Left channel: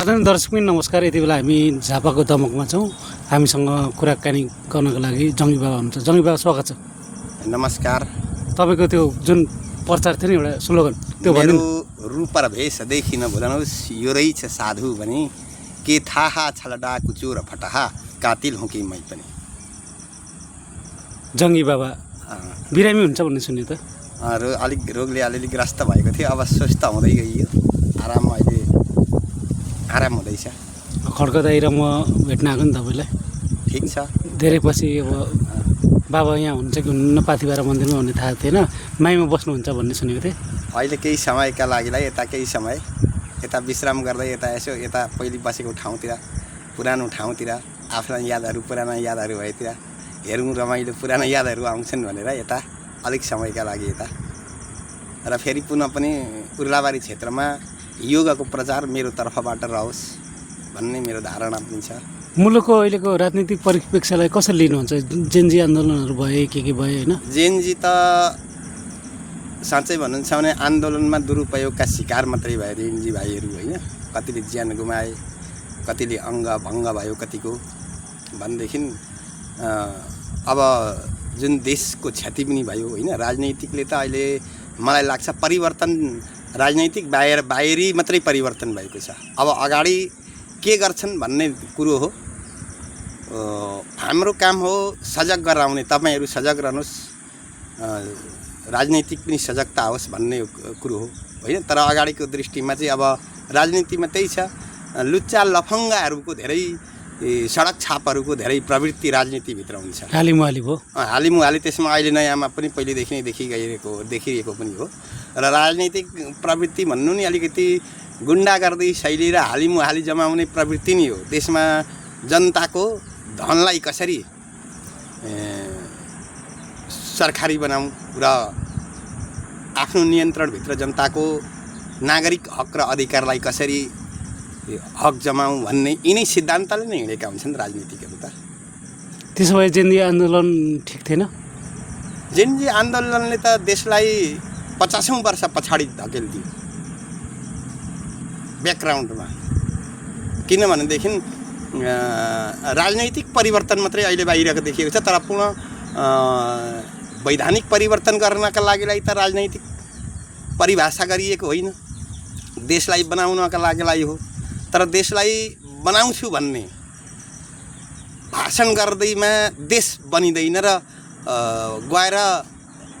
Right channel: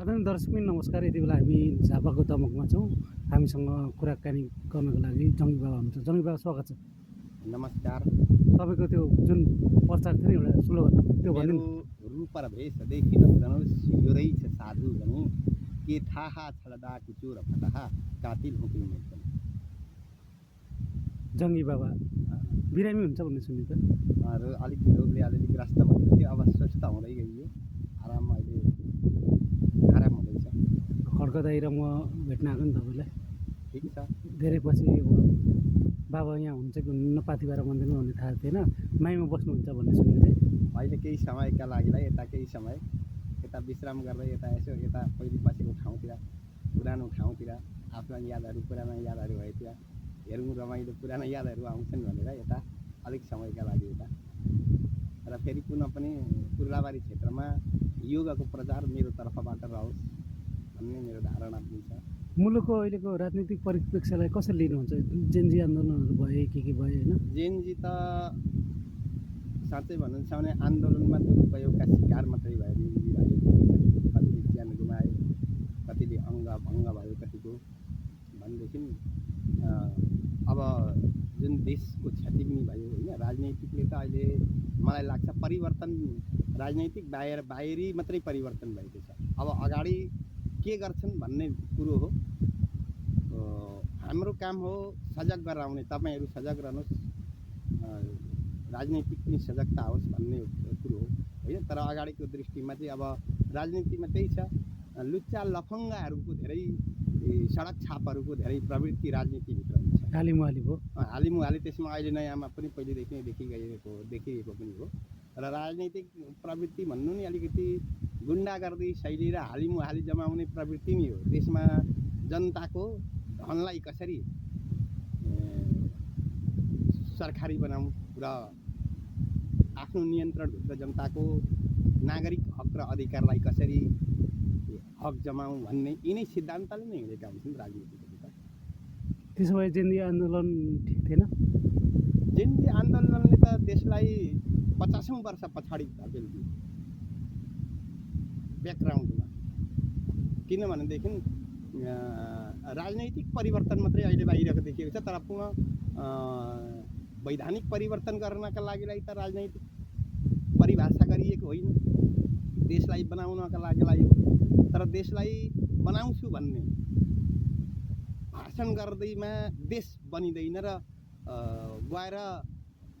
आदरणीय दर्शक नमस्कार। यति बेला हामी झापाको दमकमा छौँ। हामीसँग कुराकानी गर्नको लागि जङ्गी बाबा हुनुहुन्छ। जङ्गी बाबा स्वागत छ। नमस्कार। तपाईँको त्यो जुन प्रचार थियो नि एउटा स्लोगन त्यो भन्नु। रूप र भेष देखि नभुल्नुहोस् यो रहेछ साधु भने के थाहा छलडा कुचुर फटहा कातिल हुँ कि मै पनि। जङ्गी बाबा बिरामी हुन्छ भन्ने सुन्यो त। अलिक रोगले अलिअलि ग्रस्त भएको थियो, अब स्वस्थ हुँदै गइयो। अहिले आराम हुँदैछ। खड्क दाइ र म भेट्न आएको नि तपाईँलाई। ठिक छ। धेरै पछि अब बाबा यहाँ हुनुहुन्छ कि हुनुहुन्न पाथिभरा मन्दिरमा भन्ने थाहा थिएन। माइमा बस्नुहुन्छ भन्ने सुनेको थिएँ। अहिले केही समयका लागिलाई यता केही समय यता विश्राम गर्दै यता यसो यता पहिले बसेको ठाउँतिर, पुरानो ठाउँतिर, आफ्ना यादहरू पुराना यादहरू भएतिर हेरौँ, रमाइलो पुराना यादहरू आउँछन् भनेर यता अलिक समयका लागि यता र फेरि पुनः पनि उर्लाबारी क्षेत्रमा योगाको प्रचार मेरो तर्फबाट रहोस् भन्ने मेरो धारणा पनि छ। मुलुकको अहिलेको राजनीतिक परिप्रेक्ष्यलाई कसरी लिनुहुन्छ? जेनजी आन्दोलनहरू भए के भए होइन? जेनजी त साँच्चै भन्नुहुन्छ भने आन्दोलनमा दुरुपयोगका शिकार मात्रै भए जेनजी भाइहरू होइन। कतिले ज्यान गुमाए, कतिले अङ्ग भङ्ग भयो कतिको भनेदेखि अब जुन देशको क्षति पनि भयो होइन। राजनैतिकले त अहिले मलाई लाग्छ परिवर्तन राजनैतिक बाहिरी मात्रै परिवर्तन भएको छ। अब अगाडि के गर्छन् भन्ने कुरो हो। हाम्रो काम हो सजग गराउने। तपाईँहरू सजग रहनुहोस्, राजनैतिक पनि सजगता होस् भन्ने कुरो हो होइन। तर अगाडिको दृष्टिमा चाहिँ अब राजनीतिमा त्यही छ, लुच्चा लफङ्गाहरूको धेरै, सडक छापहरूको धेरै प्रवृत्ति राजनीतिभित्र हुन्छ। हालिमुहाली भयो। हालिमुहाली त्यसमा अहिले नयाँमा पनि पहिलेदेखि नै देखिरहेको पनि हो। र राजनीतिक प्रवृत्ति भन्नु नि अलिकति गुन्डागर्दी शैली र हालिमुहाली जमाउने प्रवृत्ति नै हो। देशमा जनताको धनलाई कसरी सरकारी बनाऊँ र आफ्नो नियन्त्रणभित्र जनताको नागरिक हक र अधिकारलाई कसरी हक जमाऊँ भन्ने यिनै सिद्धान्तले नै हिँडेका हुन्छन् राजनीतिकहरू त। त्यसो भए जेनजी आन्दोलन ठिक थिएन? जेनजी आन्दोलनले त देशलाई 50औं वर्ष पछाडि धकेलिदियो ब्याकग्राउन्डमा। किनभनेदेखि राजनैतिक परिवर्तन मात्रै अहिले बाहिरको देखिएको छ, तर पुनः वैधानिक परिवर्तन गर्नका लागिलाई त राजनैतिक परिभाषा गरिएको होइन, देशलाई बनाउनका लागिलाई हो। तर देशलाई बनाउँछु भन्ने भाषण गर्दैमा देश बनिँदैन र गएर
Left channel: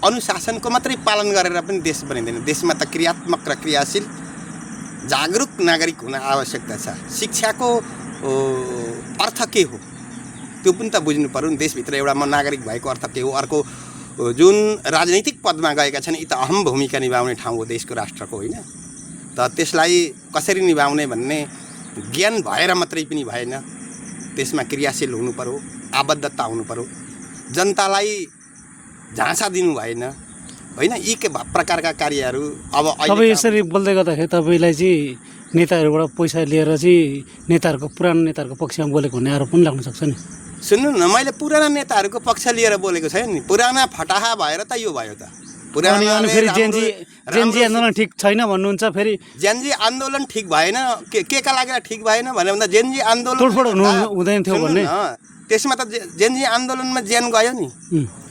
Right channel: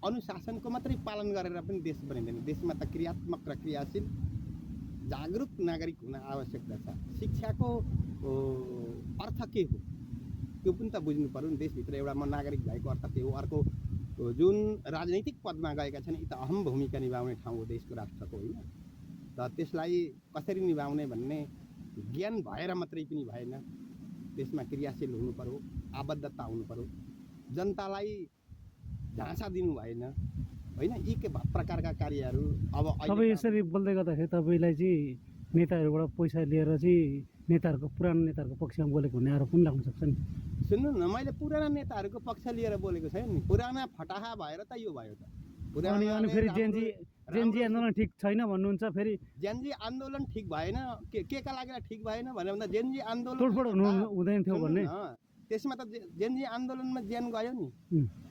अनुशासनको मात्रै पालन गरेर पनि देश बनिँदैन। देशमा त क्रियात्मक र क्रियाशील जागरुक नागरिक हुन आवश्यकता छ। शिक्षाको अर्थ के हो त्यो पनि त बुझ्नु पर्यो नि। देशभित्र एउटा म नागरिक भएको अर्थ के हो? अर्को जुन राजनैतिक पदमा गएका छन् यी त अहम भूमिका निभाउने ठाउँ हो देशको, राष्ट्रको होइन। त त्यसलाई कसरी निभाउने भन्ने ज्ञान भएर मात्रै पनि भएन। त्यसमा क्रियाशील हुनु पर्यो, आबद्धता हुनु पर्यो, जनतालाई झाँसा दिनु भएन होइन। यी के प्रकारका कार्यहरू अब तपाईँ यसरी बोल्दै गर्दाखेरि तपाईँलाई चाहिँ नेताहरूबाट पैसा लिएर चाहिँ नेताहरूको पुरानो नेताहरूको पक्षमा बोलेको भन्ने आरोप पनि लाग्न सक्छ नि। सुन्नु न, मैले पुराना नेताहरूको पक्ष लिएर बोलेको छैन नि। पुराना फटाहा भएर त यो भयो त। पुरानो फेरि जेनजी आन्दोलन ठिक छैन भन्नुहुन्छ। फेरि जेनजी आन्दोलन ठिक भएन, के का लागि ठिक भएन भने भन्दा जेनजी आन्दोलन तोडफोड हुँदैन थियो भन्ने। त्यसमा त जेनजी आन्दोलनमा ज्यान गयो नि,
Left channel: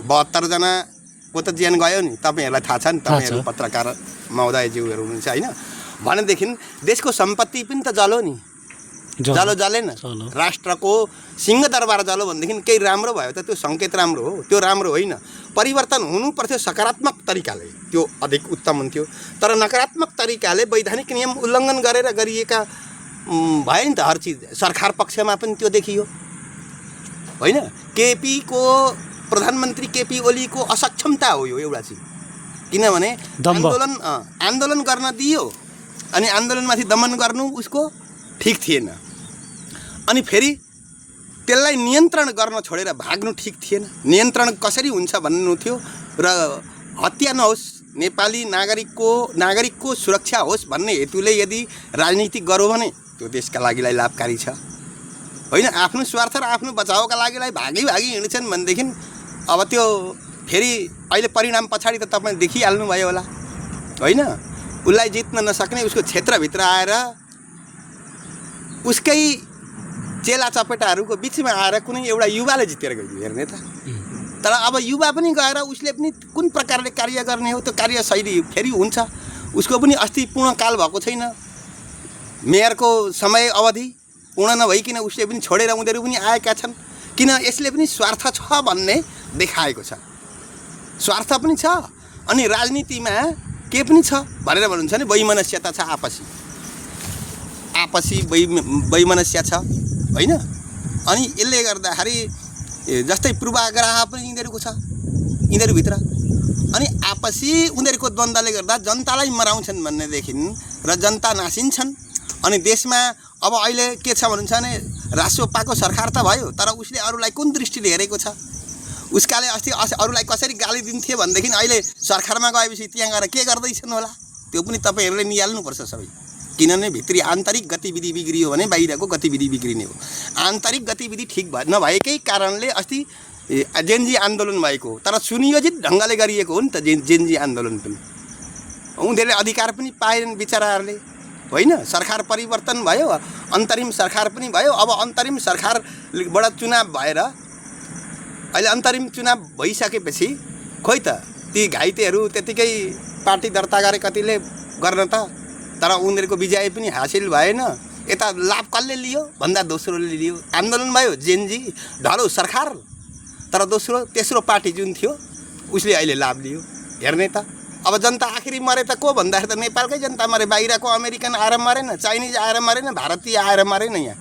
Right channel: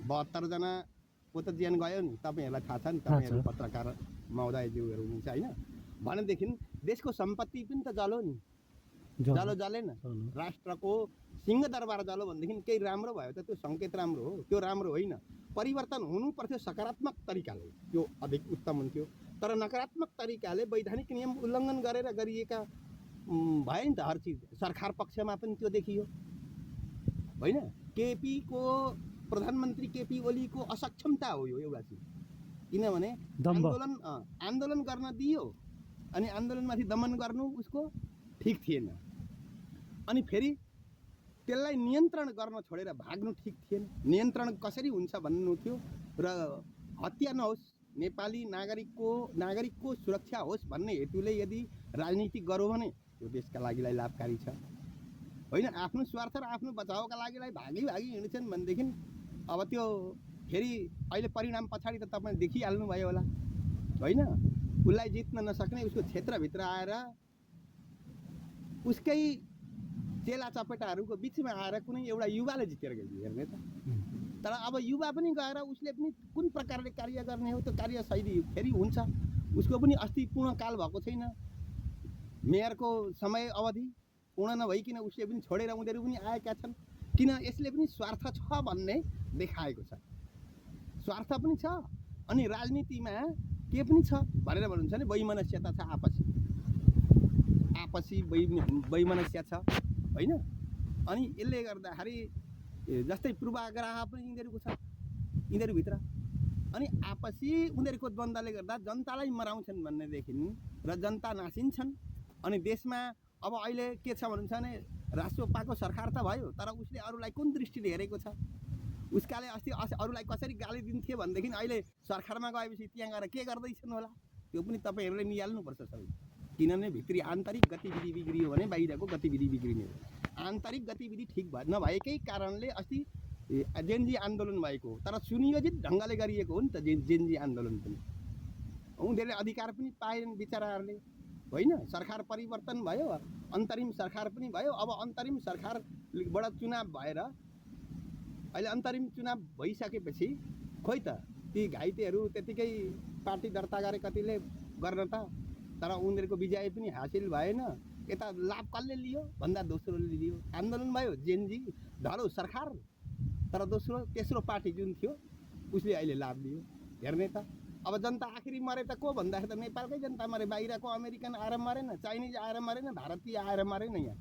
72 जनाको त ज्यान गयो नि। तपाईँहरूलाई थाहा छ नि, तपाईँहरू पत्रकार महोदयज्यूहरू हुनुहुन्छ होइन। भनेदेखि देशको सम्पत्ति पनि त जलो नि, जलेन। राष्ट्रको सिंहदरबार जलो भनेदेखि केही राम्रो भयो त? त्यो सङ्केत राम्रो हो? त्यो राम्रो होइन। परिवर्तन हुनुपर्थ्यो सकारात्मक तरिकाले, त्यो अधिक उत्तम हुन्थ्यो। तर नकारात्मक तरिकाले वैधानिक नियम उल्लङ्घन गरेर गरिएका भयो नि त हर चिज। सरकार पक्षमा पनि त्यो देखियो होइन। केपीको प्रधानमन्त्री केपी ओलीको असक्षमता हो यो एउटा चिज। किनभने आन्दोलन गर्न दियो अनि आन्दोलनमाथि दमन गर्नु उसको ठिक थिएन। अनि फेरि त्यसलाई नियन्त्रण गर्न छोडेर भाग्नु ठिक थिएन। नियन्त्रण कसरी हुन्छ भन्नु थियो र हत्या नहोस्, नेपाली नागरिकको सुरक्षा होस् भन्ने हेतुले यदि राजनीति गरौँ भने त्यो देशका लागिलाई लाभकारी छ होइन। आफ्नो स्वार्थ र आफ्नो बचाउका लागिलाई भागी हिँड्छन् भनेदेखि अब त्यो फेरि अहिले परिणाम पछाडि त तपाईँ देखिहाल्नुभयो होला होइन। उसलाई जित्न नसक्ने उसको क्षेत्रभित्र आएर उसकै चेला चपेटाहरूको बिचमा आएर कुनै एउटा युवाले जितेर गयो हेर्ने त। तर अब युवा पनि गएर उसले पनि कुन प्रकारले कार्य गर्ने हो त्यो कार्यशैली फेरि हुन्छ। उसको पनि अस्ति पूर्णकाल भएको छैन, मेयरको समय अवधि पूर्ण नभइकन उसले पनि छोडेर उनीहरू पनि आएका छन्। किन यसले पनि स्वार्थ छ भन्ने देखाएको छ, स्वार्थ पनि छ अनि राजनीतिमा के पनि छ भनेर भन्नुहुन्छ नि, वैमनस्यता छ, आपसी वैमनस्य छ होइन। अनि यसले गर्दाखेरि जस्तै पूर्वाग्रह पनि यिनीहरूको छ यिनीहरूभित्र। अनि आपसी उनीहरूको द्वन्द्वले गर्दा जनतालाई मराउँछन् भन्नेदेखि र जनता नासिन्छन्। अनि देशमा अब अहिले के छ भन्नुहुन्छ भने राष्ट्रपाको सरकार त भयो, तर उसले अरूलाई कुन दृष्टिले हेरेको छ, उसकाले अस्ति अरूलाई कसरी गाली दिन्थे भनेदेखि अहिले सरकारमा गएपछि त्यहाँ गएर के गर्दैछन् होला त्यो पनि तपाईँहरूले निहाल्नुपर्छ सबै। किनभने भित्री आन्तरिक गतिविधि बिग्रियो भने बाहिरको गतिविधि बिग्रिने हो। आन्तरिक गतिविधि ठिक नभएकै कारणले अस्ति जेनजी आन्दोलन भएको, तर सुनियोजित ढङ्गले गरिएको हो नि त जेनजी आन्दोलन पनि। उनीहरूले अधिकार पनि पाएनन् बिचराहरूले होइन। सरकार परिवर्तन भयो, अन्तरिम सरकार पनि भयो। अब अन्तरिम सरकारबाट चुनाव भएर अहिले अन्तरिम चुनाव भइसकेपछि खोइ त ती घाइतेहरू त्यतिकै पार्टी दर्ता गरे कतिले गर्न त, तर उनीहरूको विजय पनि हासिल भएन। यता लाभ कसले लियो भन्दा दोस्रोले लियो। आन्दोलन भयो, जेनजी ढलो सरकार, तर दोस्रो तेस्रो पार्टी जुन थियो उसले अहिले लाभ लियो हेर्ने त। अब जनता आखिरी मरे त को भन्दाखेरि त नेपालकै जनता मरे, बाहिरको अमेरिकन आएर मरेन, चाइनिज आएर मरेन, भारतीय आएर मरेन, यहाँ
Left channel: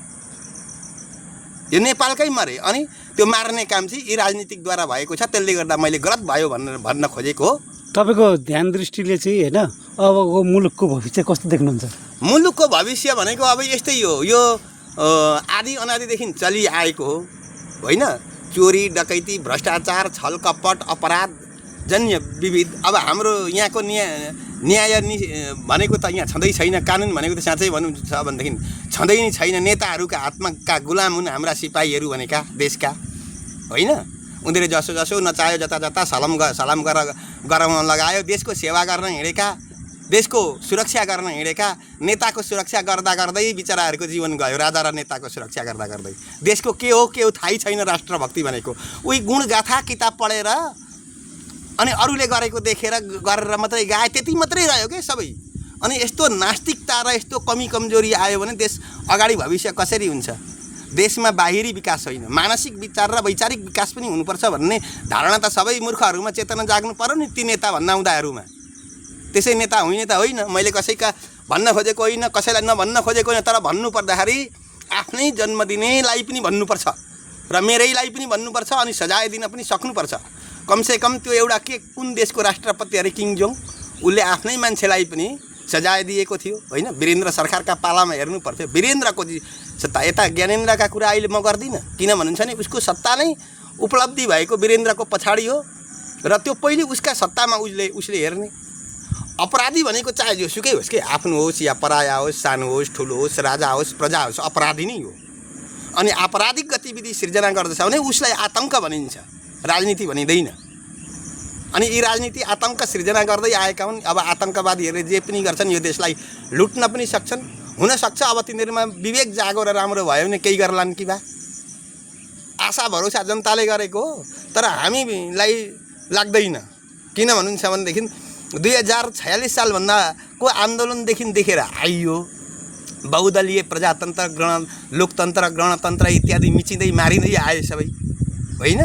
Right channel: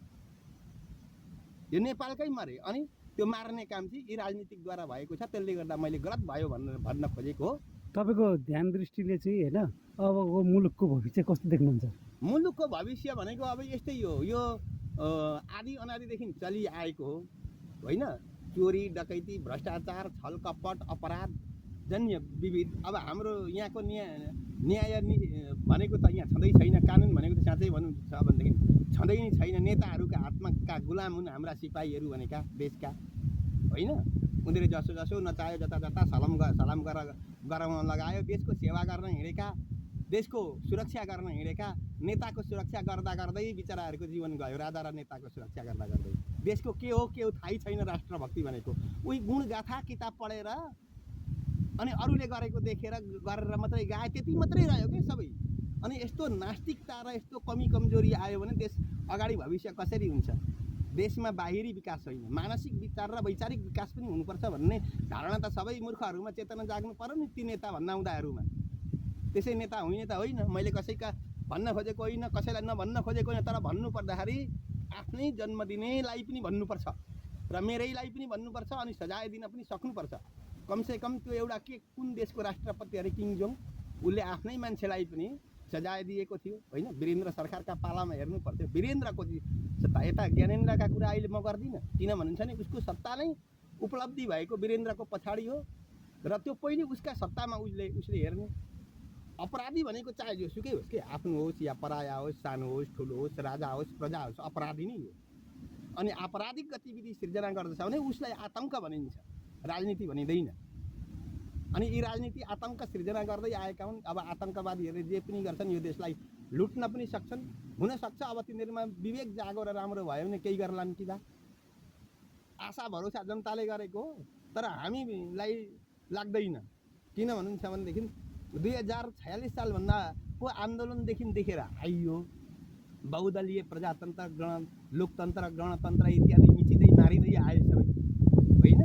यो नेपालकै मरे। अनि त्यो मार्ने काम चाहिँ यी राजनीतिकद्वारा भएको छ। त्यसले गर्दा मैले गलत भयो भनेर भन्न खोजेको हो। तपाईँको ध्यान दृष्टिले चाहिँ होइन अबको मुलुकको भविष्य कस्तो देख्नुहुन्छ? मुलुकको भविष्य भनेको अब यस्तै हो, यो आदि अनादिदेखि चलिआएको हो होइन। चोरी डकैती भ्रष्टाचार छलकपट अपराध जन्य विविध। अब हाम्रो यहाँको न्याय भनेको त यहाँ छँदै छैन। कानुन भनेको त साँच्चै भन्नु छ भनेदेखि छँदै नै छैन। नेताहरूका हातमा गुलाम हुन् हाम्रा सिपाहीहरू भनेका देशका होइन। उनीहरूले जसो जसो नचाह्यो जता जता सलाम गराउन लगायो। देशको सेवा गर्न हिँडेका, देशको सुरक्षा गर्न हिँडेका नेताको सुरक्षा गर्दा गर्दै बिचराहरूको जीवन गयो। राजा र नेताको सुरक्षा गर्दा गर्दै देशको के हो थाहै छैन। राष्ट्रभक्ति भनेको उही गुणगाथा किताब पढेर अनि अरूले गरेको देखेर गरेर मात्रै गाए, त्यति मात्रै रह्यो क्या सबै। अनि यस्तो नास्तिकता र यस्तो कमी कमजोरी आयो भने देश अगाडि भविष्य कसरी हुन्छ? देशमा बाहिरी विकास होइन, मानसिक विचार र वैचारिक विकास पनि हुनुपर्छ भन्ने धारणा त सबै मूर्खहरूमा चेतना जाग्नु पर्यो नि, ती नेता भन्नाउँदाहरूमा। त्यसै नेता होइन त होइन, मैले कसैका भन्न खोजेको होइन, कसैलाई नभन्न खोजेको होइन, तर भन्नु पर्दाखेरि आफ्नै जन्मदिनेलाई पनि भन्नुपर्छ र मेरैलाई पनि भन्नुपर्छ अनि सजाय दिन पनि सक्नुपर्छ। कमसेकम त्यो एउटा कुन देशको राष्ट्रपति अरे किङ जोङ, उसले आफ्नै मान्छेलाई पनि सजाय दिएको थियो होइन। वीरेन्द्र सरकारका पालामा हेर्नु पर्थ्यो वीरेन्द्रको सत्ता। यता ज्ञानेन्द्रका कुरा अहिले म गर्दिनँ, किन भन्नुहुन्छ भने उसको सत्ता नै उपलब्धि भएको वीरेन्द्रको पछाडि हो र त्यो पहिले उसका सत्तामा उसले हेर्ने। अपराधी भनेको चाहे जोसुकै होस् कि, आफ्नो होस् या पराया होस्, सानो होस् ठुलो होस्, राजा होस् प्रजा होस्, अपराधी नै हो। अनि आपराधिक गतिविधि सिर्जना गर्दछ भने उसलाई आतङ्क भनिन्छ, राजनीति भनिँदैन। अनि यी राजनीति आतङ्क सिर्जना गर्दै आएका हुन्। अब आतङ्कवादीहरूले जे पनि गर्छन् यो देशलाई लुट्न पनि सक्छन्। हुनसक्छ अब तिनीहरूमा विवेक जागो र राम्रो भयो भने केही गर्लान् कि बा। आशा भरोसा जनताले गरेको हो, तर हामीलाई लाग्दैन। किन भन्नुहुन्छ भनेदेखि 2046 सालभन्दाको आन्दोलनदेखि देखेर आइयो बहुदलीय प्रजातन्त्र लोकतन्त्र गणतन्त्र इत्यादि मिचिँदै मारिँदै आए सबै होइन।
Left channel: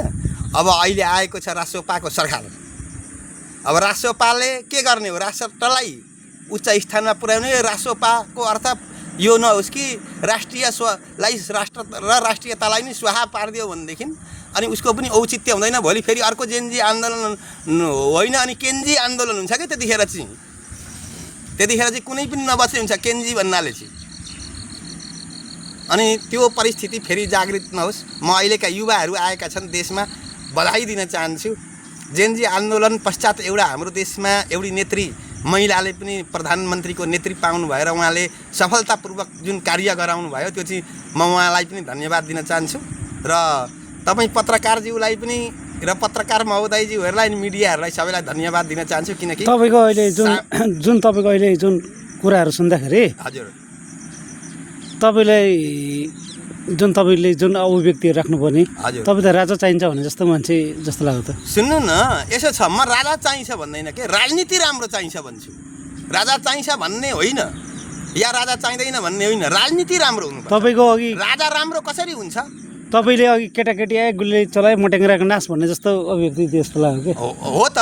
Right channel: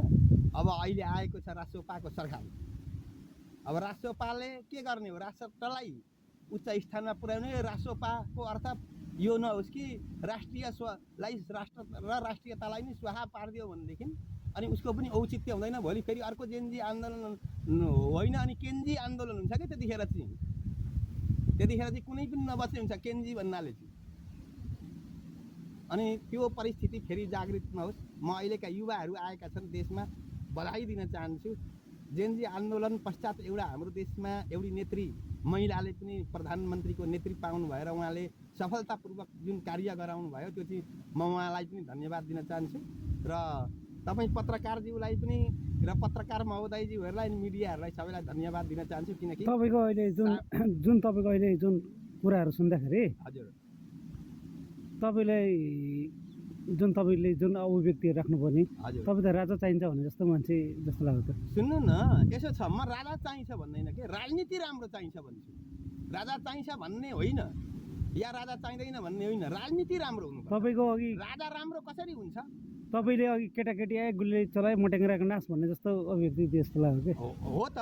अब अहिले आएको छ राष्ट्रपाको सरकार। अब राष्ट्रपाले के गर्ने हो? राष्ट्रलाई उच्च स्थानमा पुर्याउने। राष्ट्रपाको अर्थ यो नहोस् कि राष्ट्रियतालाई नै स्वाहा पारिदियो भनेदेखि अनि उसको पनि औचित्य हुँदैन। भोलि फेरि अर्को जेनजी आन्दोलन होइन अनि केन्जी आन्दोलन हुन्छ क्या। त्यतिखेर चाहिँ कुनै पनि नबच्ने हुन्छ केन्जी भन्नाले चाहिँ। अनि त्यो परिस्थिति फेरि जागृत नहोस्। म अहिलेका युवाहरू आएका छन् देशमा, बधाई दिन चाहन्छु। जेनजी आन्दोलन पश्चात एउटा हाम्रो देशमा एउटी नेत्री महिलाले पनि प्रधानमन्त्रीको नेतृत्व पाउनु भएर उहाँले सफलतापूर्वक जुन कार्य गराउनु भयो त्यो चाहिँ म उहाँलाई पनि धन्यवाद दिन चाहन्छु। र तपाईँ पत्रकारज्यूलाई पनि र पत्रकार महोदयज्यूहरूलाई अनि मिडियाहरूलाई सबैलाई धन्यवाद दिन चाहन्छु। किनकि तपाईँको अहिले जुन कुराहरू सुन्दाखेरि हजुर तपाईँले जुन अभिव्यक्तिहरू राख्नुपर्ने हजुर तपाईँ त राजा चाहिन्छ भने जस्तो मान्छे जस्तो लाग्यो त। सुन्नु न, यसो छ, म राजा चाहिन्छ भन्दैन के, राजनीति राम्रो चाहिन्छ भन्छु। राजा चाहिन्छ भन्ने होइन या राजा चाहिँदैन भन्ने होइन, राजनीति राम्रो हुनु। तपाईँको अघि राजा राम्रो कसरी हुन्छ? तपाईँले अघि केटाकेटी आए गुली चलाए मटेङ्ग्राको नाश भन्ने जस्तो अभिव्यक्ति जस्तो लाग्यो कि। हो त,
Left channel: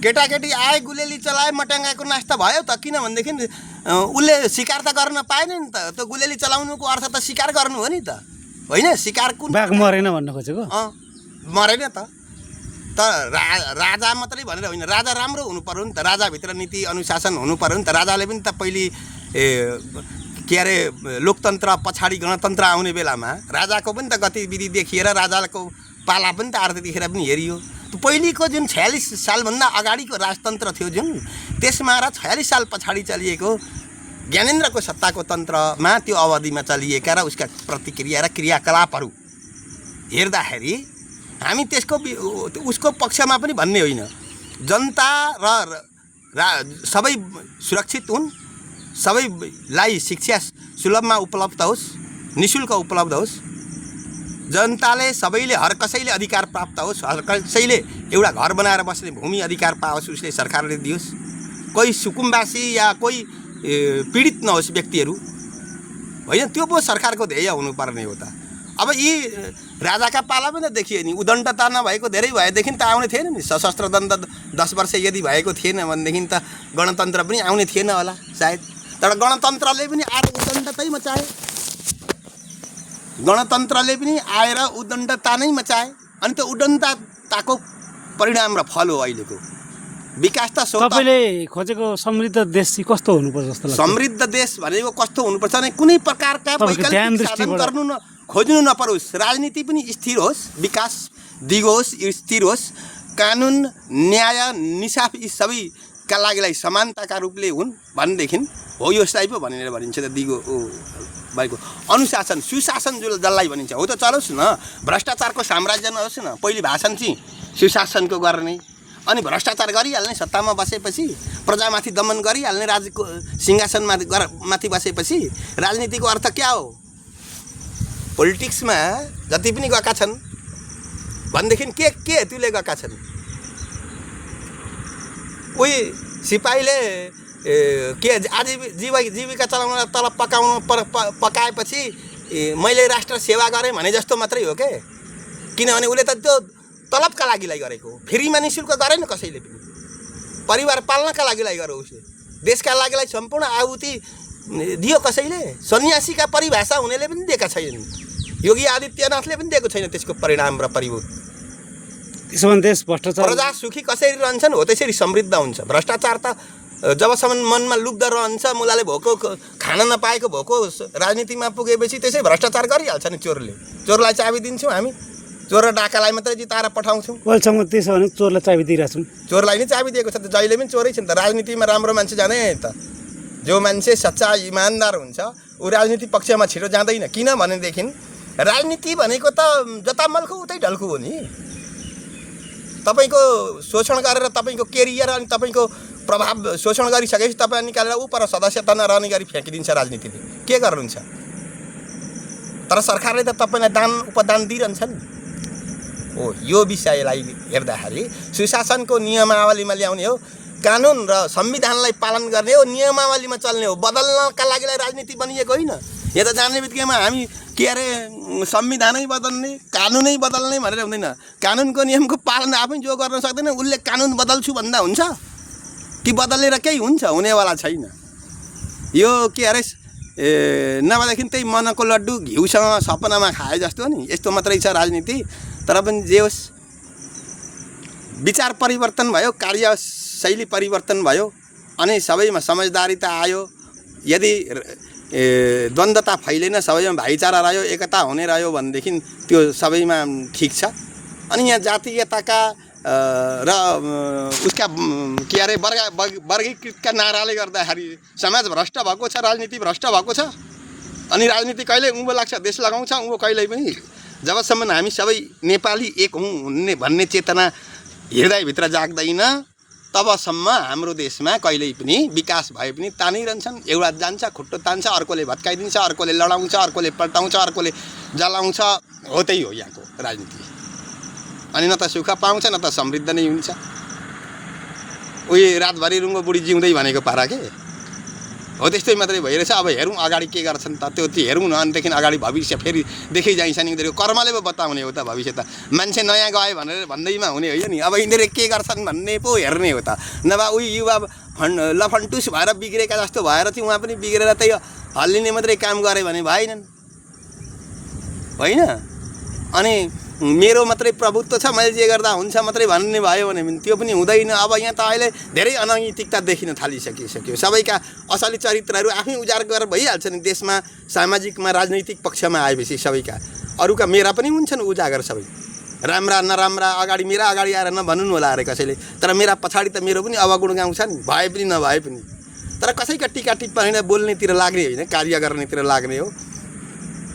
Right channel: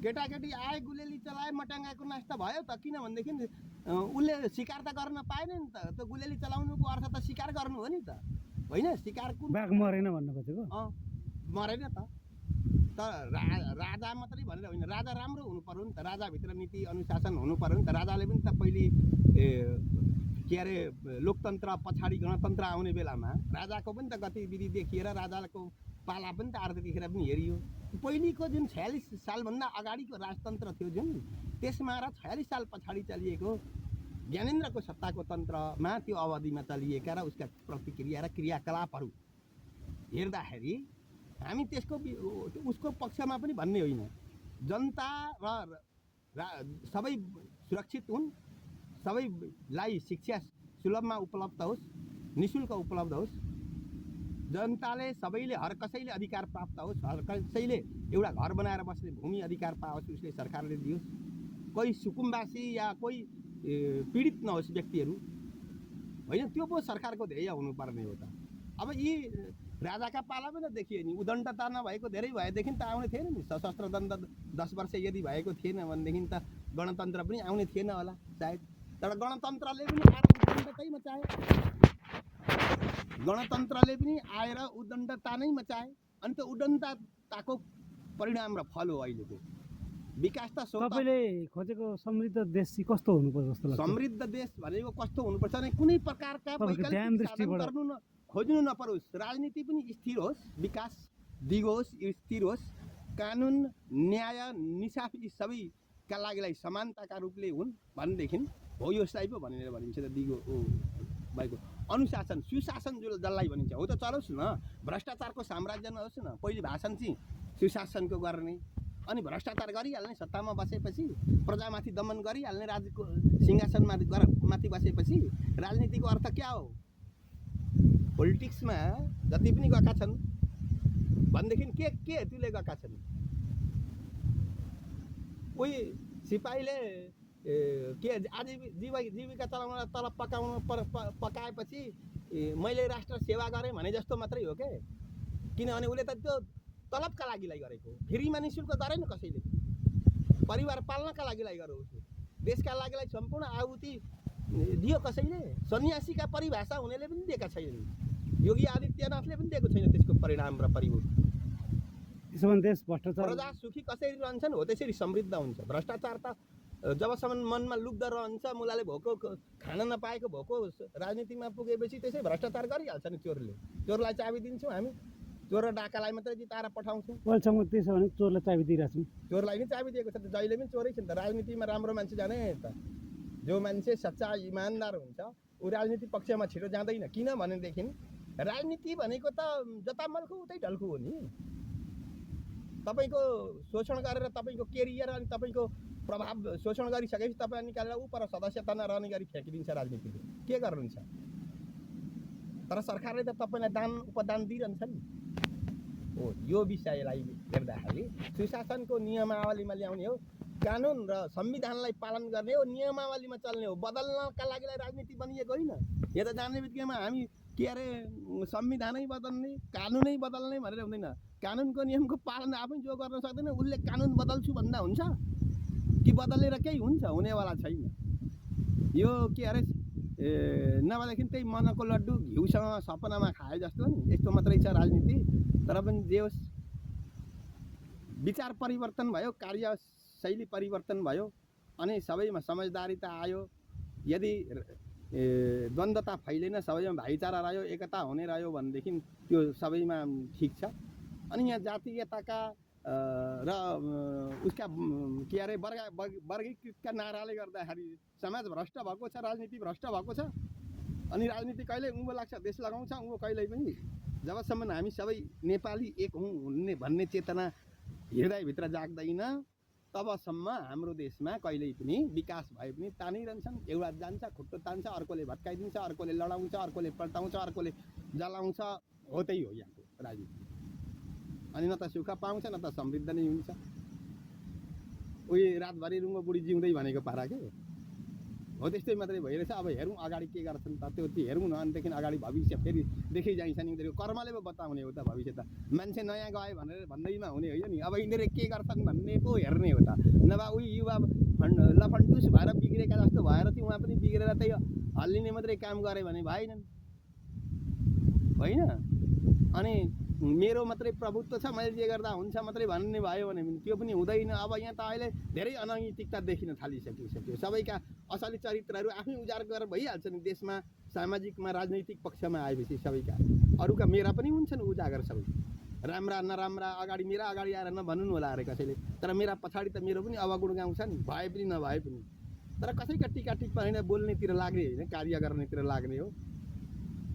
केटाकेटी आए गुलेली चलाए मटेङ्गाको नाश त भयो त, किनभनेदेखि उसले शिकार त गर्न पाएन नि त। त्यो गुलेली चलाउनुको अर्थ त शिकार गर्नु हो नि त, होइन? शिकार कुन बाघ मरेन भन्न खोजेको? मरेन त। राजा मात्रै भनेर होइन, राजा राम्रो हुनु पर्यो नि त। राजाभित्र नीति अनुशासन हुनु पर्यो नि त। राजाले पनि त पहिले के अरे लोकतन्त्र पछाडि गणतन्त्र आउने बेलामा राजाको पनि त गतिविधि देखिएर राजाको पाला पनि त त्यतिखेर पनि हेरियो। पहिलेको जुन 46 सालभन्दा अगाडिको राजतन्त्र थियो जुन, त्यसमा र 46 साल पछाडि चलिएको ज्ञानेन्द्रको सत्ताको तन्त्रमा त्यो अवधिमा चलिएका र उसका प्रतिक्रिया र क्रियाकलापहरू हेर्दाखेरि हामी उसको पक्षमा पनि भन्ने होइन। जनता र सबै सुरक्षित हुन्, सबैलाई शिक्षा सुलभमा उपलब्ध होस्, निःशुल्क उपलब्ध होस्, जनताले सबैले हर कसैले अधिकार प्राप्त होस्, हर कसैले एउटा घर बनाएर बस्ने भूमि अधिकार पाओस्, उसले सरकारले दियोस्। कोही सुकुम्बासी या कोही पीडित नहोस् व्यक्तिहरू, होइन? त्यो पो सरकारको ध्येय हुनुपर्ने हो त। अब यी राजाका पाला पनि त देखियो नि, उदण्डता नभएको धेरै भएदेखि त आउने थिएन नि। सशस्त्र दण्ड 10 वर्ष यदि भएको थिएन भनेदेखि त गणतन्त्र पनि आउने थिएन होला सायद। तर गणतन्त्रले पनि आएर उदण्डतै मचाए, गणतन्त्रले पनि आएर उदण्डता नै मचाए। अनि त्यो उदण्डताको परिणाम र फल हो अहिलेको विकास। त तपाईँले खोजेको समृद्ध देश चाहिँ कस्तो हुनुपर्छ जस्तो लाग्छ? समृद्ध देश भनेको कस्तो हुनुपर्छ भने कुनै प्रकारका वैकल्पिक साधन गर्नु खोज्नु नपरोस्, राजनीति पनि स्थिर होस्, विकास दिगोस्, स्थिर होस्, कानुन न्याय निसाफ यी सबैका लागिलाई समानताका रूपले हुन् भनेदेखि हो यसलाई पो भनेर भनिन्छ त। दिगो भएको अनुशासन सुशासन जसलाई भनिन्छ हो त चलोस् न। भ्रष्टाचारको साम्राज्य नहोस् न। पहिले भाषण चाहिँ सुशासनको गर्ने, अनि भ्रष्टाचार गरिहाल्ने, सत्तामा बसेपछि प्रजामाथि दमन गरिहाल्ने, राजको सिंहासनमाथि बसेपछि राजनीतिको अर्थ क्या हो? पोलिटिक्समा जति पनि गएका छन् भनेदेखि के हेतुले गएका छन्? उही सिपाहीले के जीविका चलाउन तलब पकाएपछि मैले राष्ट्र सेवा गरेँ भने जस्तो मात्रै हो के? किनभने उसले त त्यो तलबका लागिलाई गरेको, फ्रीमा निःशुल्क गरेन कसैले पनि। परिवार पाल्नका लागिलाई गर्यो उसले, देशका लागिलाई सम्पूर्ण आहुति दियो कसैले। सन्यासीका परिभाषा हुनेले पनि दिएका छैनन्, योगी आदित्यनाथले पनि दिएको छैन त्यसको परिणाम र परिभूत। त्यसो भने देश भ्रष्टाचार, प्रजा सुखी कसरी रहन्छन् हो त्यसरी समृद्ध हुन्छ। भ्रष्टाचार त जबसम्म मनमा लुब्ध रहन्छ, मुलाले भोको खान नपाएको भोको राजनीतिमा पुगेपछि त्यसै भ्रष्टाचार गरिहाल्छ नि। चोरलाई चाबी दिन्छौँ हामी, चोर र डाकालाई मात्रै जिताएर पठाउँछौँ। अहिलेसम्म त्यसो भने चोरलाई चाबी दिइरहेको छौँ, चोरलाई नै चाबी दिएको छ त। जहिले पनि चोरै छ नि त। राजनीतिमा राम्रो मान्छे जाँदैन त। जो मान्छे सच्चा इमान्दार हुन्छ ऊ राजनीति पक्षमा छिटो जाँदैन। किनभनेदेखि राजनीति भनेको त जता मल्खु उतै ढल्कु हो नि। तपाईँको शोषण गरेर तपाईँको केरियर अनि तपाईँको प्रभाव शोषण गरिसकेपछि तपाईँ निकालेर ऊ पर सदस्यता नरहने गरी फ्याँकिदिन्छ राजनीतिले। के गर्नुहुन्छ? तर सरकारले त तपाईँलाई दान उपदान दिइरहन्छ नि। हो, यो विषयलाई हेर्दाखेरि सुशासनको नियमावलीमा ल्याउने हो, कानुन र संविधानलाई पालन गर्ने हो, नियमावलीमा चल्ने हो। बदल्नका लागि राजनीति बनिएको होइन। यहाँ त जान्ने बित्तिकैमा हामी के अरे संविधानै बदल्ने, कानुनै बदल्ने भनेर हुँदैन। कानुनको नियमको पालन आफै जो गर्न सक्दैन उसले कानुन बदल्छु भन्दा हुन्छ कि बदलेर केही हुन्छ? हुनेवाला छैन। यो के अरे नभएदेखि त्यही मनको लड्डु घिउसँग सपनामा खाए जस्तो नि, यस्तो मात्रै छ राजनीति। तर पनि जे होस्, विचार परिवर्तन भयो, कार्यशैली परिवर्तन भयो, अनि सबैमा समझदारीता आयो। यदि द्वन्द्वता फैलेन, सबैमा भाइचारा रह्यो, एकता हुने रह्यो भनेदेखि त्यो सबैमा ठिक छ। अनि यहाँ जातीयताका र उसका के अरे वर्गीकृतका नाराले गर्दाखेरि समाज भ्रष्ट भएको छ, राजनीति भ्रष्ट भएको छ। अनि राजनीति कहिले उँभो लाग्छ, देश लगाउँछ उँभो कहिल्यै पनि। जबसम्म हामी सबै नेपाली एक हौँ भन्ने चेतना हृदयभित्र जाग्दैन तबसम्म हाम्रो देशमा कहिल्यै पनि विकास भए पनि तानिरहन्छन्। एउटा जान्छ, खुट्टो तान्छ, अर्कोले भत्काइदिन्छ, अर्कोले लडाउँछ, अर्कोले पल्टाउँछ, अर्कोले जलाउँछ। हो त्यही हो यहाँको राजनीति। अनि न त सुख पाउँछ न त समृद्ध नै हुन्छ। उही रातभरि रुङ्गो बुढी जिउँदै भनेको पारा के हो, त्यस्तै मात्रै भइरहेछ। अब हेरौँ अगाडि के गर्छन् त, त्यो हेरौँ न। अनिदेखि अगाडि भविष्य फेरि देखि जाइन्छ नि। उनीहरू कर्मले पो बताउने हो त भविष्य त। मान्छे नयाँ गयो भनेर भन्दैमा हुने होइन नि। अब यिनीहरू के गर्छन् भन्ने पो हेर्ने हो त। नभए उही युवा लफन्टुस भएर बिग्रेका जस्तो भएर चाहिँ उहाँ पनि बिग्रेर त्यही हल्लिने मात्रै काम गरे भने भएनन्, होइन? अनि मेरो मात्रै प्रभुत्व छ, मैले जे गर्दा हुन्छ मात्रै भन्ने भयो भने त्यो पनि हुँदैन। अब यहाँ त अहिले धेरै अनैतिकता देखिन थालिसकिसक्यो। सबैका असली चरित्रहरू आफै उजागर गरेर भइहाल्छ नि देशमा, सामाजिकमा, राजनैतिक पक्षमा आएपछि सबैका। अरूका मेरा पनि हुन्छन् उजागर सबै, राम्रा नराम्रा। अगाडि मेरा अगाडि आएर नभन्नु होला अरे कसैले, तर मेरा पछाडि त मेरो पनि अवगुण गाउँछ नि, भए पनि नभए पनि। तर कसैका टिका टिप्पणी बोल्नेतिर लाग्ने होइन, कार्य गर्नेतिर लाग्ने हो।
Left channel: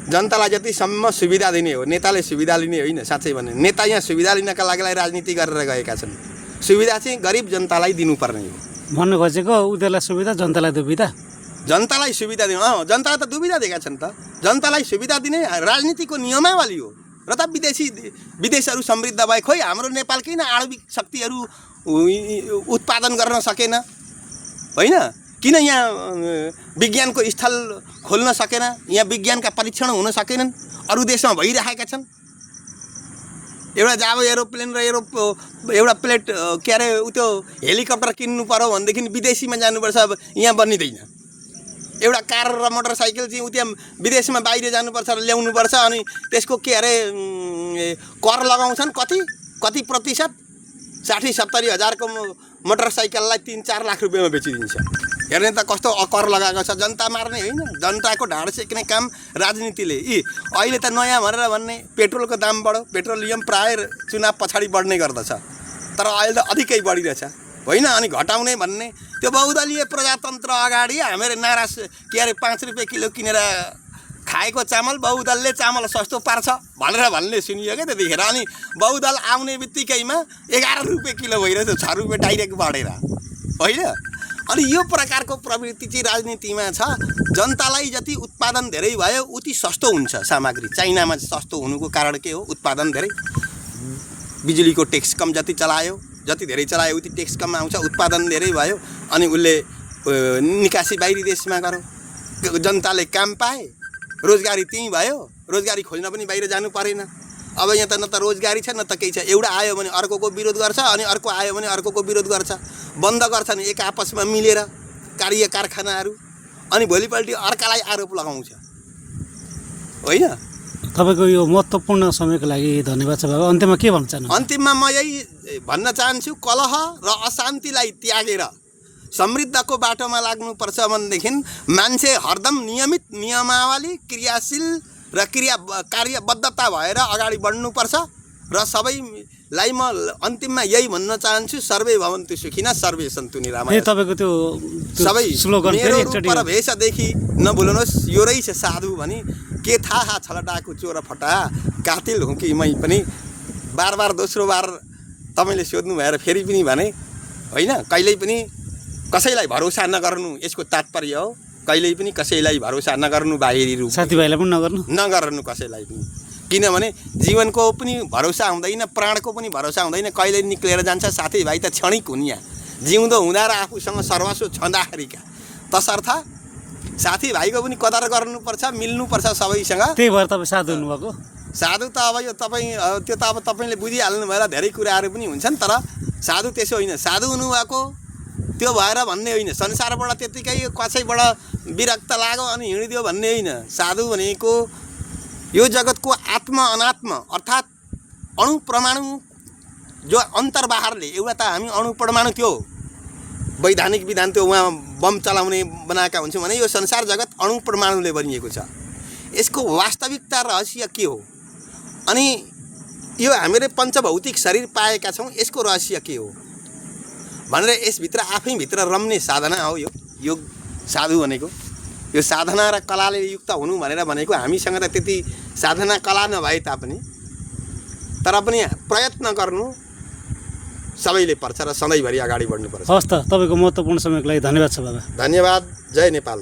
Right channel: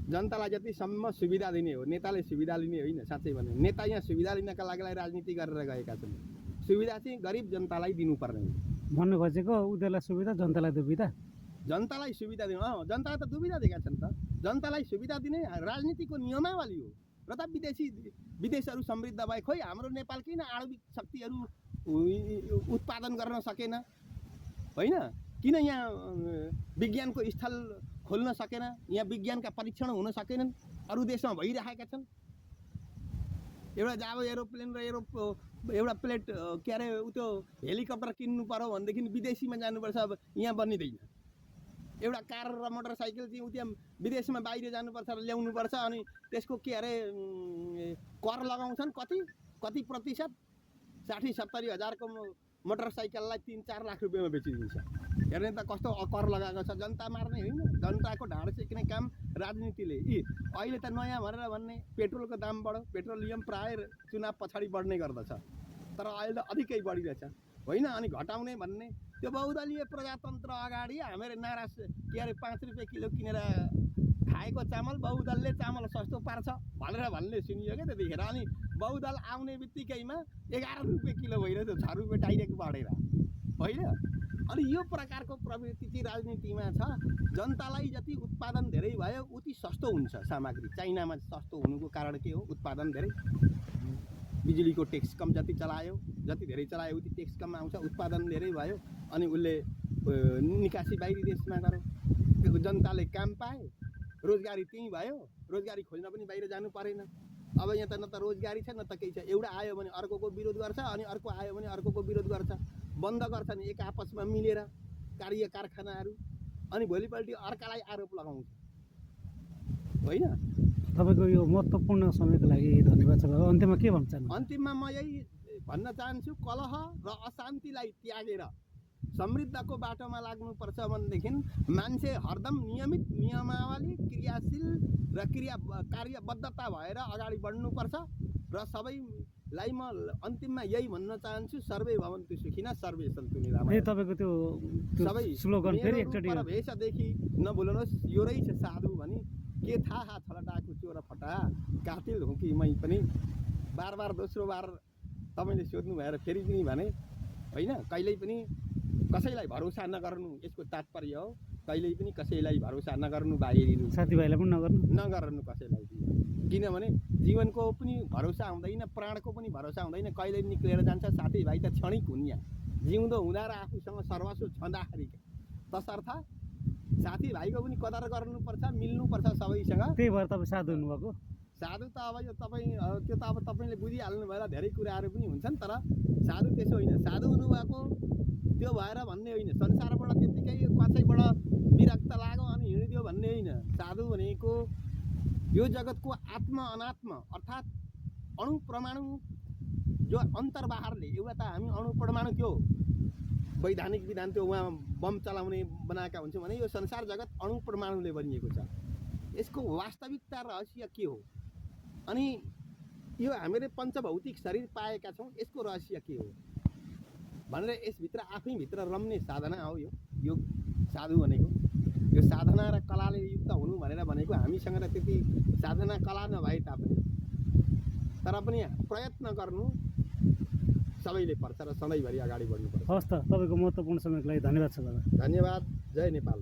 जनतालाई जतिसम्म सुविधा दिने हो, नेताले सुविधा लिने होइन। साँच्चै भने नेता यहाँ सुविधा लिनका लागि राजनीति गरेर गएका छन्। सुविधा चाहिँ गरिब जनतालाई दिनुपर्ने हो। भन्नु खोजेको उनीहरूलाई सुविधा, जनतालाई दुविधा। जनतालाई सुविधा दिनु, जनतालाई त दुविधा दिएका छन् त। जनतालाई सुविधा दिने राजनीतिको नियमावली हो। र त विदेशहरू समृद्ध भए, खोइ हाम्रो नेपाल किन आणविक शक्तिहरू उत्पादन गर्न सकेन, होइन? किन यहाँ विज्ञानको स्थल खोल्न सकेन, यहाँ विज्ञानका परीक्षण हुन सकेनन्? अरू देशमा भइरहेका छन्। एउटा जाब एरोप्लेन र एउटा प्लेट के अरे त्यो हेलिकप्टर किन्नु पर्यो भनेदेखि विदेशीमा जानुपर्छ, अब यहाँ बनिँदैन। एउटा कार र मोटरसाइकल चाहिँ उता विदेशमा बाहिर जानुपर्छ र ल्याउनुपर्छ। अनि त्यसको के अरे कर लगाउँछन्, कति प्रतिशत? 60-70 हजारको मोटरसाइकललाई 3-4 लाख रुपियाँमा बेचिदिन्छ। हेर्ने त कस्तो कर लगाएको छ। जनता मार्ने होइन, जनताको ढाड सेक्ने काम राजनीतिले। अहिले त नयाँ भनेर भन्ने पेट्रोलको दाम बढ्यो, पेट्रोलियम प्राय चुनाव पछाडि बढ्ने गर्दछ, तर अहिले त अधिकै बढिरहेछ, होइन? अनि घटाउने भन्ने त्यो बहुदलीय प्रजातन्त्र अगाडि हामीहरू नारा के अरे 5 रुपियाँ किलो किनेर खाएको चामल बहुदलले चामल सस्तो पार्छ भनेर भन्ने सुनियो क्या त्यतिखेर। अनि बहुदल आउने बित्तिकैमा 11 रुपियाँ किलो भइरहेछ, 6 रुपियाँ डाइरेक्ट बढेर, होइन? अनि यो प्रकारको प्रवृत्ति चाहिँ राजनीतिमा छ। जनतालाई जति उत्पादन धेरै भयो उति सस्तो हुन्छ सामग्री। चाइनामा सस्तो हुनुको कारण के हो? उत्पादन धेरै। बिजुलीको ट्याक्स कम जति चलायो, जति धेरै चलायो उति ट्याक्स कम आउँछ, उत्पादन धेरै भयो। अनि उसले निकासी बाहिरी देशमा गऱ्यो, जनताले काम पाए, रोजगारी त्यहीँ भयो। रोजगारी खोज्न पनि बाहिर जानु परेन। अब यहाँ त न त रोजगारी छ न त केही छ। एउटा आयो भने अर्कोको विरोध गर्छ, अनि अर्को आयो भने अर्कोको विरोध गर्छ, बन्द गर्छन् एक आपसमा मिलेर कार्य कारखानाहरू। अनि भोलिपल्ट अर्कालाई आरोप लगाउँछ, होइन? तपाईँको यो महत्त्वपूर्ण समयको लागि धन्यवाद छ बाबा। अन्त्यमा के भन्न चाहनुहुन्छ? अन्तिममा म यही भन्न चाहन्छु, कलह र अशान्तिलाई त्यागेर समृद्धको बाटोमा लाग्नुपर्छ भनेदेखि मान्छे हरदम नियमित नियमावली, क्रियाशील र कार्यबद्धता भएर अगाडि बढ्नुपर्छ। र सबैलाई म अन्तिममा यही भन्न चाहन्छु, सर्वे भवन्तु सुखिनः सर्वे सन्तु निरामयः। तपाईँको त्यो सबै स्लोगन मेरो रूप र भेषदेखि नभुल्नुहोस्, यो रहेछ साधु भनी के थाहा छलडाको चोर फटा कातिल हुँ कि मै पनि। बार दोस्रो बार तपाईँले सोध्नु भएर फेरि पनि भने, होइन? कहिल्यै पनि कसैलाई भरोसा नगर्नु यसको तात्पर्य हो। कहिल्यै पनि कसैलाई भरोसा नगर्नु, बाहिरी रूप साथीभाइलाई पनि नगर्नु कसैलाई पनि। किनभने जीवनको पनि भरोसा हुँदैन, प्राणको पनि भरोसा हुँदैन। कहिले निक्लेर जान्छ। साथीभाइ त क्षणिक हुन्। यहाँ जिउँदो हुँदा र आफूसँग सर्वस्व छँदाखेरिका, तसर्थ साथीभाइको पनि कदर गर्नुपर्छ, मिल्नुपर्छ सबैसँग। त्यही भएर तपाईँ साधु हुनुभएको। साधु त अब यो त्यो त अब तपाईँले बुझिहाल्नु भएर धेरै कुराहरू पनि हुन्छन्, तर साधु त्यसो होइन। साधु हुनुभएको त्यो भएर भन्ने होइन, संसारबाट त्यत्तिकै कसैबाट विरक्त लाग्यो अनि हिँडिदियो भन्ने होइन। साधु भनेको यो जगतको आत्मा अनात्मा अर्थात् अणु परमाणु जो अन्तर्बाहरले, एउटा त हामी अणु परमाणु त्यो वैधानिक विधान त्यो उहाँ बम चलाउने बनाएका हुन्छौँ भने यो संसार जगत अणु परमाणुले बनिएको छ। यसको वास्तविकता रहस्य के हो? अनि यो हामीले पञ्चभौतिक शरीर पाएका छौँ, यसको रहस्य के हो भनेर यसभित्र आफैभित्र रम्ने साधना हो यो योग। साधु भनेको यो साधना र कलाले युक्त हुनु भनेको हामीसँग त त्यति साधना कला नभए तापनि, तर पनि प्रयत्न गर्नु, सबैले पर्छ र सधैँभरि अगाडि बढ्नुपर्छ। हस् त, तपाईँको महत्त्वपूर्ण समयको लागि धन्यवाद छ बाबा। धन्यवाद। जय नेपाल।